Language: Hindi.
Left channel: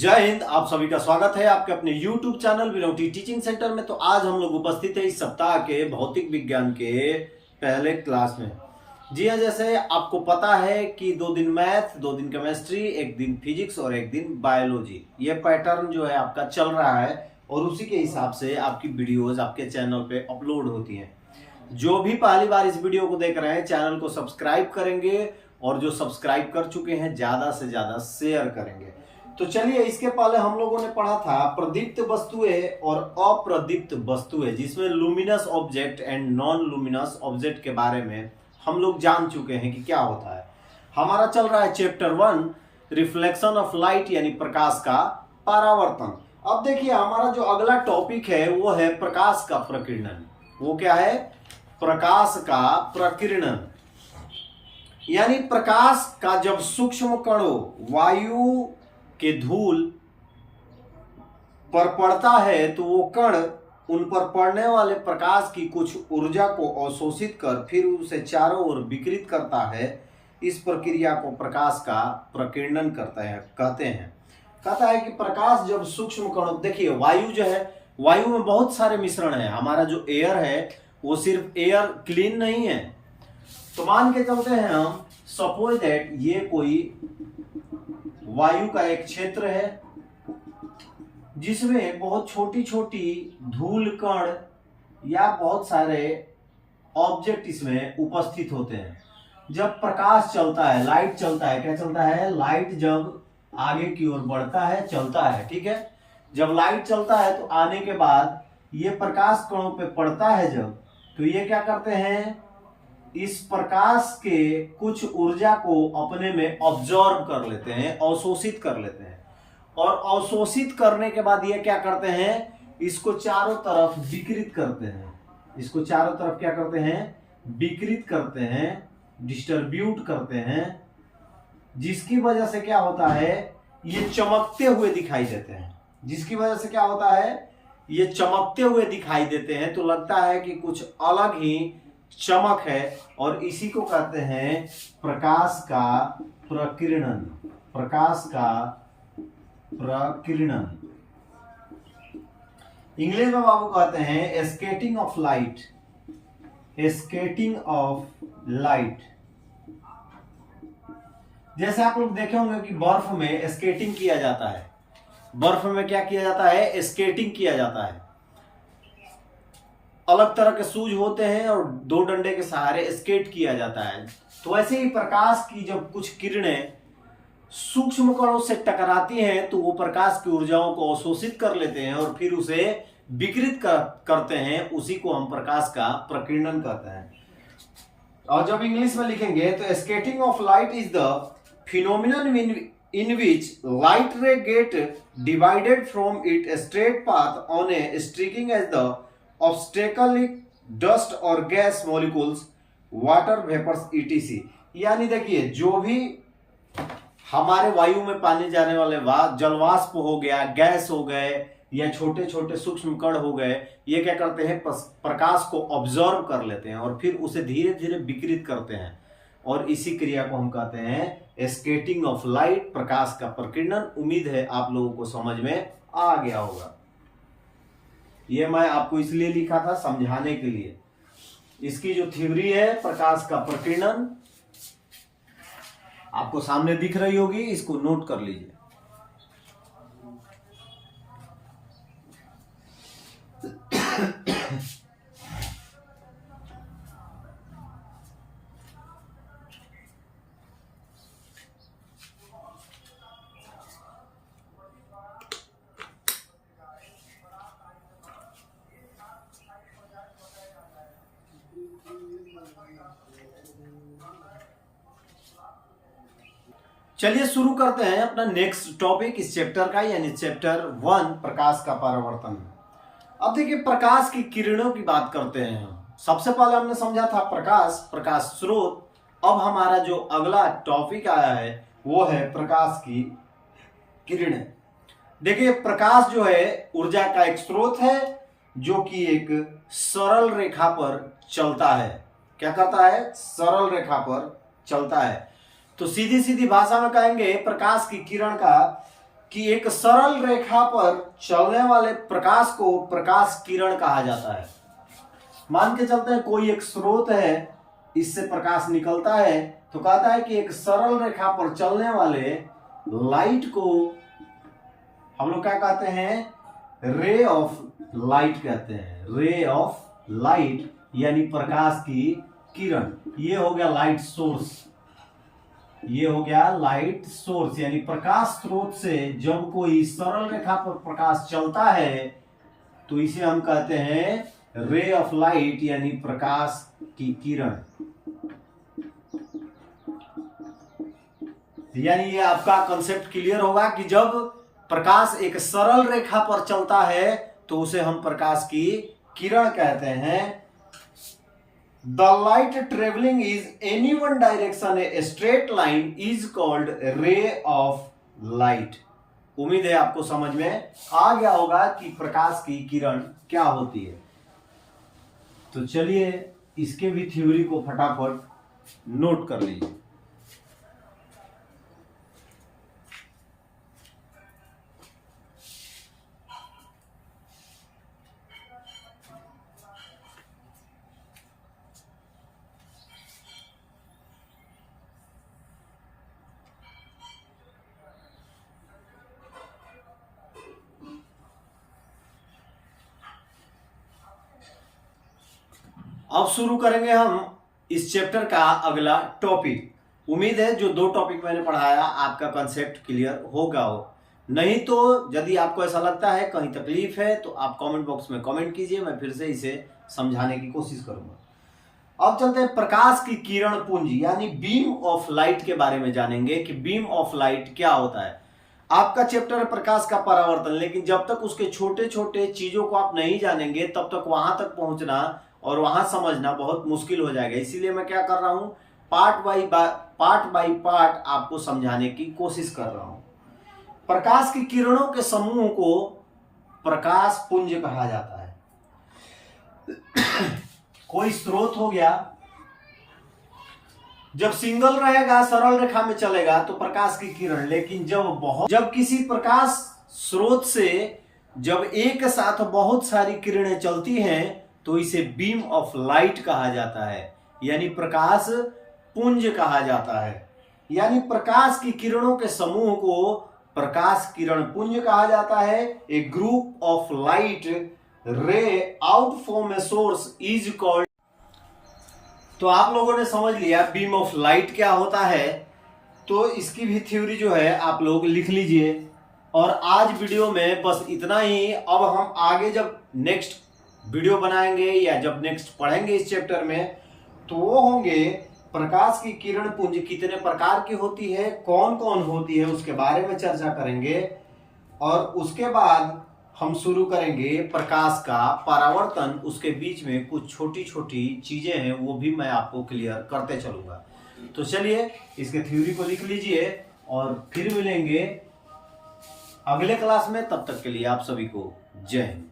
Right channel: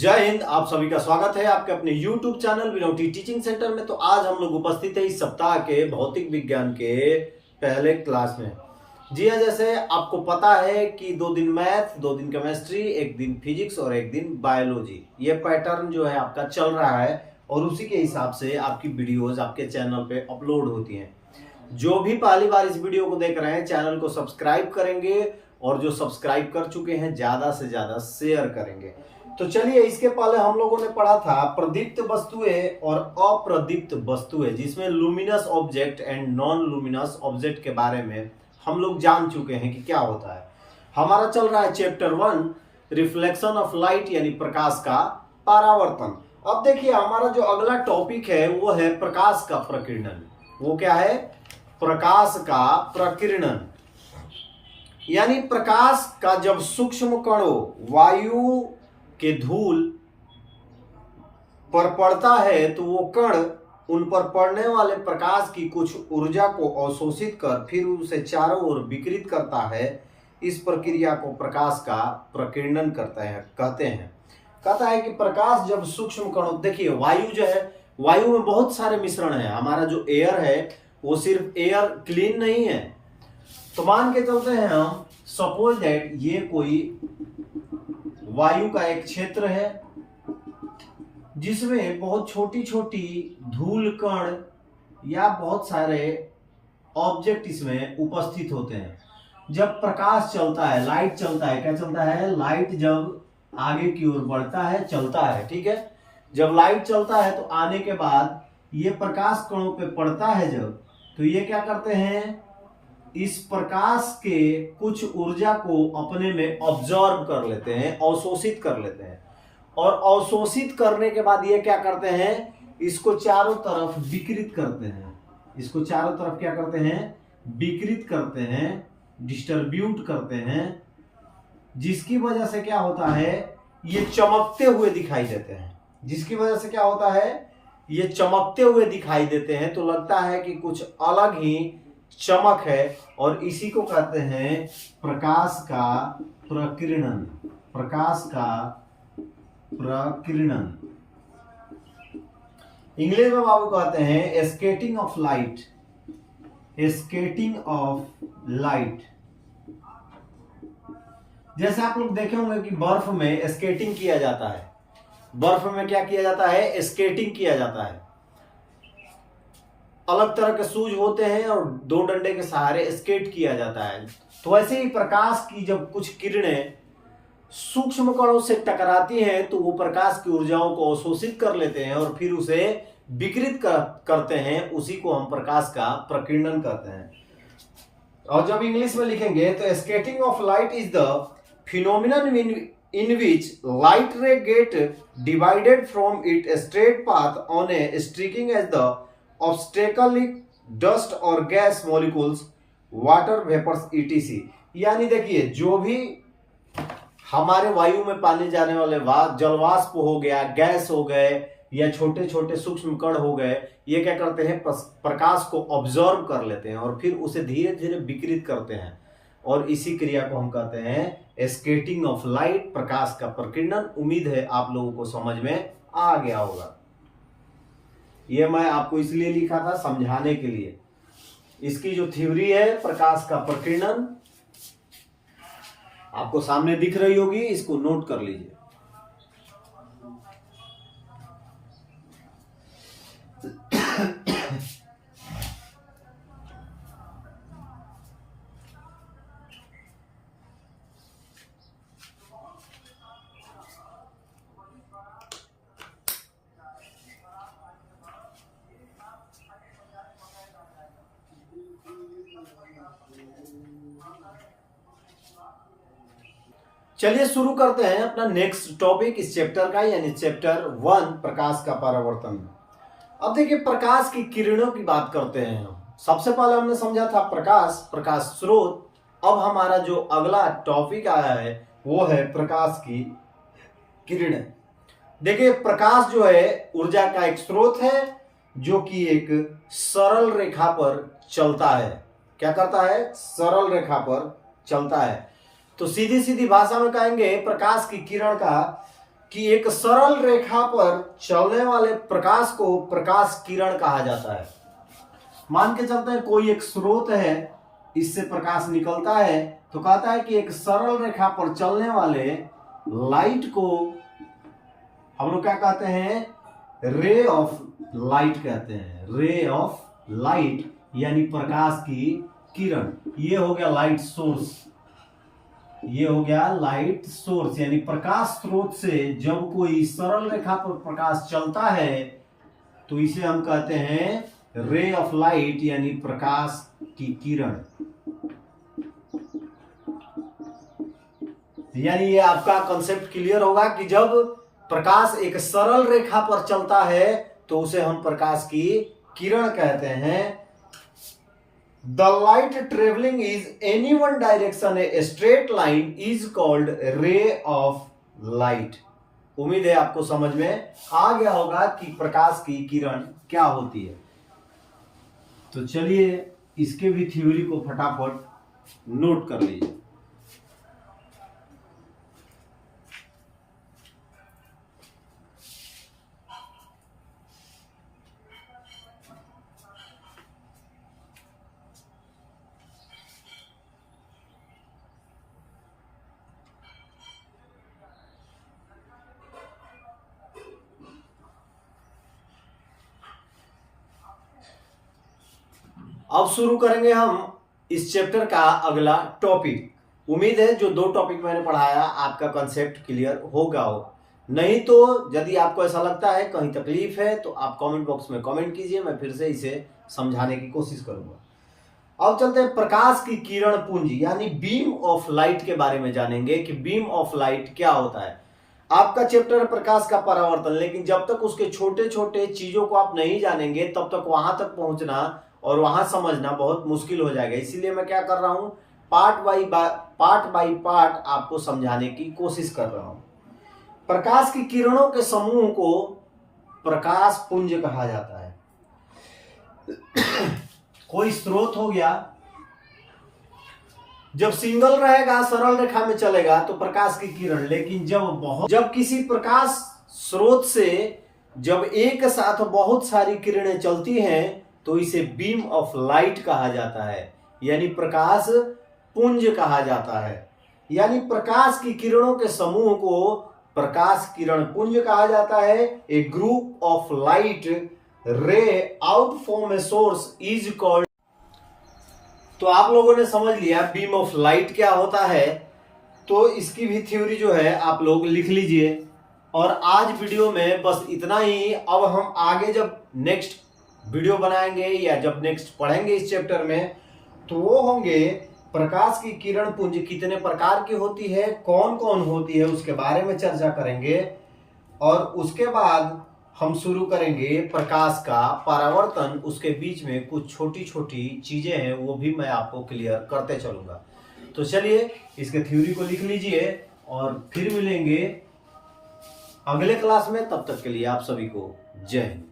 जय हिंद। आप सभी का स्वागत है आपके अपने YouTube चैनल विनोटी टीचिंग सेंटर में। तो आज हम लोग उपस्थित है इस सप्ताह के भौतिक विज्ञान के पहले क्लास में। जी हाँ, जैसे आपको पता है कि 2 दिन मैथ, 2 दिन केमिस्ट्री, 1 दिन फिजिक्स और 1 दिन बायोलॉजी, ये पैटर्न जो है आपका चल रहा है और उसी के हिसाब से आपकी वीडियोज आपके चैनल पे अपलोड होती हैं। जो भी पहली बार इस वीडियो को देख रहे हैं, चैनल को सब्सक्राइब करेंगे और जो सब्सक्राइब कर चुके हैं ज्यादा से ज्यादा शेयर करेंगे। तो चलिए, इसके पहले हम लोगों ने पढ़ा था प्रदीप्त वस्तुएं और अप्रदीप्त वस्तुएं, जिसमें luminous object and non luminous object के बारे में हम लोग जान चुके हैं कि क्या होता है। हमारा चल रहा है चैप्टर 1 रिफ्लेक्शन ऑफ लाइट, यानी प्रकाश का परावर्तन। अब देखिए, हमारा जो अगला टॉपिक है वो है प्रकाश का प्रकीर्णन। वो क्या है? प्रकाश का प्रकीर्णन, यानी प्रकाश का जब सूक्ष्म कणों वायु के धूल पर पड़ता है तो वो कण उन पर पड़ने वाले प्रकाश की कुछ ऊर्जा को अवशोषित कर फिर उसे चारों ओर विकिरित करता है। इस प्रक्रिया को प्रकाश का प्रकीर्णन कहते हैं। कहता है कि प्रकाश जब सूक्ष्म कणों, देखिए वायु जो है, वायु में बहुत सारे मिश्रण है। हमारा जो एयर है वो सिर्फ एयर क्लीन नहीं है। तो मान के चलते हैं हम, सपोज दैट ये कोई वायु का एक क्षेत्र है जिसमें बहुत छोटी छोटी धूल कण या बहुत सारे ऑब्जेक्ट इसमें उपस्थित होते हैं। जब प्रकाश चलता है, लाइट चलता है, क्या चलता है? लाइट जब आगे की ओर बढ़ता है, चलता है, ठीक है। जब लाइट चलता है तो आने के बाद ये प्रकाश कणों पे पड़ता है जब, तो ये क्या करते हैं? इस प्रकाश के कुछ ऊर्जा को अपने में ऑब्जॉर्व कर लेते हैं, अवशोषित कर लेते हैं। और अवशोषित करने के बाद ये क्या करते हैं? इसको चारों तरफ विकिरित करते हैं। इसको चारों तरफ क्या करते हैं? विकिरित करते हैं, डिस्ट्रीब्यूट करते हैं, जिसकी वजह से क्या होता है? ये चमकते हुए दिखाई देते हैं। जिसकी वजह से क्या होता है? ये चमकते हुए दिखाई देते हैं। तो लगता है कि कुछ अलग ही चमक है, और इसी को कहते हैं प्रकाश का प्रकीर्णन। प्रकाश का प्रकीर्णन इंग्लिश में बाबू कहते हैं skating of light. Skating of light, जैसे आप लोग देखे होंगे कि बर्फ में स्केटिंग किया जाता है। बर्फ में क्या किया जाता है? स्केटिंग किया जाता है। अलग तरह के शूज होते हैं और 2 डंडे के सहारे स्केट किया जाता है। तो ऐसे ही प्रकाश की जब कुछ किरणें सूक्ष्म कणों से टकराती हैं तो वो प्रकाश की ऊर्जाओं को अवशोषित कर लेते हैं और फिर उसे विकिरित करते हैं। उसी को हम प्रकाश का प्रकीर्णन कहते हैं। और जब इंग्लिश में लिखेंगे तो skating of light is the phenomenon in which light ray get divided from its straight path on a streaking as the obstacle dust or gas molecules, water vapors etc। यानी देखिए, जो भी हमारे वायु में पाने जाने वाले जलवाष्प हो गया, गैस हो गए या छोटे छोटे सूक्ष्म कण हो गए, ये क्या करते हैं? प्रकाश को ऑब्जर्व कर लेते हैं और फिर उसे धीरे धीरे विकिरित करते हैं। और इसी क्रिया को हम कहते हैं स्केटिंग ऑफ लाइट, प्रकाश का प्रकीर्णन। उम्मीद है आप लोगों को समझ में आ गया होगा। ये मैं आपको इसलिए लिखा था, समझाने के लिए। इसकी जो थ्योरी है प्रकाश का प्रकीर्णन, आपको सामने दिख रही होगी, इसको नोट कर लीजिए। चलिए शुरू करते हैं अपना नेक्स्ट टॉपिक इस चैप्टर का, यानी चैप्टर 1 प्रकाश का परावर्तन। अब देखिए, प्रकाश की किरणों की बात करते हैं हम। सबसे पहले हमने समझा था प्रकाश स्रोत। अब हमारा जो अगला टॉपिक आया है वो है प्रकाश की किरणें। देखिए, प्रकाश जो है ऊर्जा का एक स्रोत है जो कि एक सरल रेखा पर चलता है। क्या करता है? सरल रेखा पर चलता है। तो सीधी सीधी भाषा में कहेंगे, प्रकाश की किरण का कि एक सरल रेखा पर चलने वाले प्रकाश को प्रकाश किरण कहा जाता है। मान के चलते हैं कोई एक स्रोत है, इससे प्रकाश निकलता है, तो कहता है कि एक सरल रेखा पर चलने वाले लाइट को हम लोग क्या कहते हैं, रे ऑफ लाइट कहते हैं। रे ऑफ लाइट यानी प्रकाश की किरण। ये हो गया लाइट सोर्स, ये हो गया लाइट सोर्स यानी प्रकाश स्रोत से जब कोई सरल रेखा पर प्रकाश चलता है तो इसे हम कहते हैं रे ऑफ लाइट यानी प्रकाश की किरण। यानी ये आपका कंसेप्ट क्लियर होगा कि जब प्रकाश एक सरल रेखा पर चलता है तो उसे हम प्रकाश की किरण कहते हैं। The light travelling is any one direction a straight line is called ray of light. उम्मीद है आपको समझ में आ गया होगा कि प्रकाश की किरण क्या होती है। तो चलिए इसके भी थ्योरी को फटाफट नोट कर लीजिए। अब शुरू करेंगे हम इस चैप्टर का अगला टॉपिक। उम्मीद है जो 2 टॉपिक मैंने पढ़ाया आपका कंसेप्ट क्लियर होगा हो। नहीं तो यदि आपको ऐसा लगता है कहीं तकलीफ है तो आप कमेंट बॉक्स में कमेंट कीजिए, मैं फिर से इसे समझाने की कोशिश करूंगा। अब चलते हैं प्रकाश की किरण पुंज यानी बीम ऑफ लाइट के बारे में जानेंगे कि बीम ऑफ लाइट क्या होता है। आपका चैप्टर है प्रकाश का परावर्तन, लेकिन जब तक उसके छोटे छोटे चीजों को आप नहीं जानेंगे तब तक वहां तक पहुंचना और वहां समझना बहुत मुश्किल हो जाएगा। इसीलिए मैं क्या कर रहा हूं, पार्ट बाई पार्ट आपको समझाने की कोशिश कर रहा हूं। प्रकाश की किरणों के समूह को प्रकाश पुंज कहा जाता है। कोई स्रोत हो गया, जब सिंगल रहेगा सरल रेखा में चलेगा तो प्रकाश की किरण, लेकिन जब किसी प्रकाश स्रोत से जब एक साथ बहुत सारी किरणें चलती हैं तो इसे बीम ऑफ लाइट कहा जाता है यानी प्रकाश पुंज कहा जाता है। यानी प्रकाश की किरणों के समूह को प्रकाश किरण पुंज कहा जाता है। A group of light ray out from a source is called. तो आप लोगों ने समझ लिया बीम ऑफ लाइट क्या होता है, तो इसकी भी थ्योरी जो है आप लोग लिख लीजिए। और आज वीडियो में बस इतना ही। अब हम आगे जब नेक्स्ट वीडियो बनाएंगे या जब नेक्स्ट पढ़ेंगे इस चैप्टर में तो वो होंगे प्रकाश की किरण पुंज कितने प्रकार की होती है, कौन कौन होती है, उसके बारे में चर्चा करेंगे। और उसके बाद हम शुरू करेंगे प्रकाश का परावर्तन, उसके बीच में कुछ छोटी छोटी चीजें हैं वो भी मैं आपको क्लियर करते चलूंगा। तो चलिए इसके थ्योरी को लिख लीजिए और फिर मिलेंगे अगले क्लास में। तब तक के लिए आप सभी को जय हिंद।